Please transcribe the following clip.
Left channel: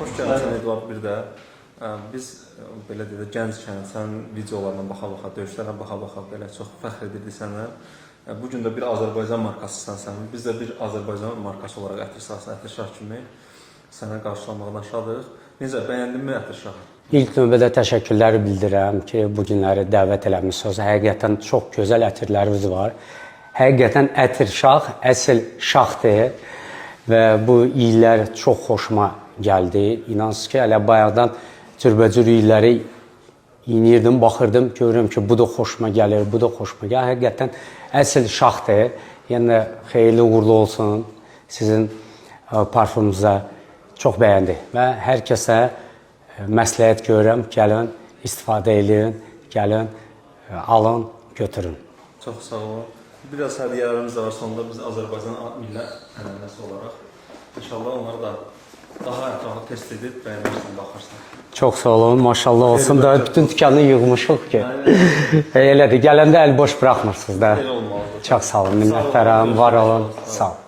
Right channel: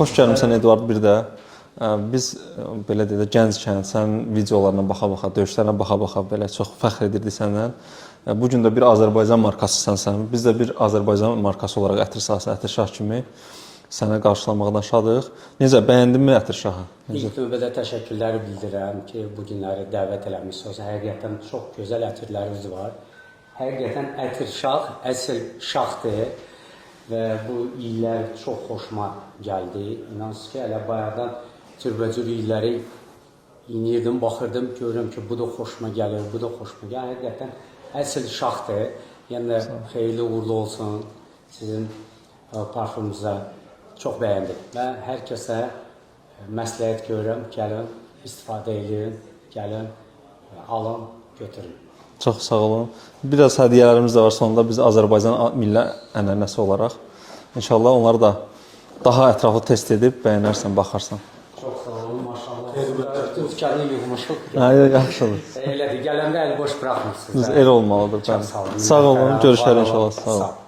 Xoş gəlmisən Eduard bir də. Biz belə deyək də gənckən sənin videolarına baxa-baxa, döyüşlərinə baxa-baxa belə çox fəxr edirdik səndən. Bu gün də bir Azərbaycan markasısan sən. Biz də bir Azərbaycan markası olaraq Ətir sahəsi, Ətir şah kimi sənə qarşılamaqdan şadıq. Necə, bəyəndinmi Ətir şahı? İlk növbədə təşəkkürlər bildirirəm ki, bu günləri dəvət eləmisiniz. Həqiqətən çox gözəl ətirlərimiz var. Həqiqətən Ətir şah əsl şahdır və bu illər çox xoşuma gəldi. İnansız ki, hələ bayaqdan cürbəcür illəri inirdim, baxırdım, görürüm ki, bu da xoşuma gəlir, bu da xoşuma gəlir. Həqiqətən əsl şahdır. Yəni, xeyirli uğurlu olsun sizin parfumunuza. Çox bəyəndi və hər kəsə məsləhət görürəm, gəlin, istifadə edin, gəlin, alın, götürün. Çox sağ olun. Biraz hədiyyələrimiz də var sonunda biz Azərbaycan milli ənənəsi olaraq. İnşallah onları da daha ətraflı test edib bəyənərsən, baxarsan. Çox sağ olun, maşallah olsun da bütün dükanı yığmışıq ki. Elədir, gələndə əl boş buraxmırsınız da. Elə olmalıdır. Çox sağ olun, minnətlərəm. Sağ olun, görüşlər inşallah. Sağ olun.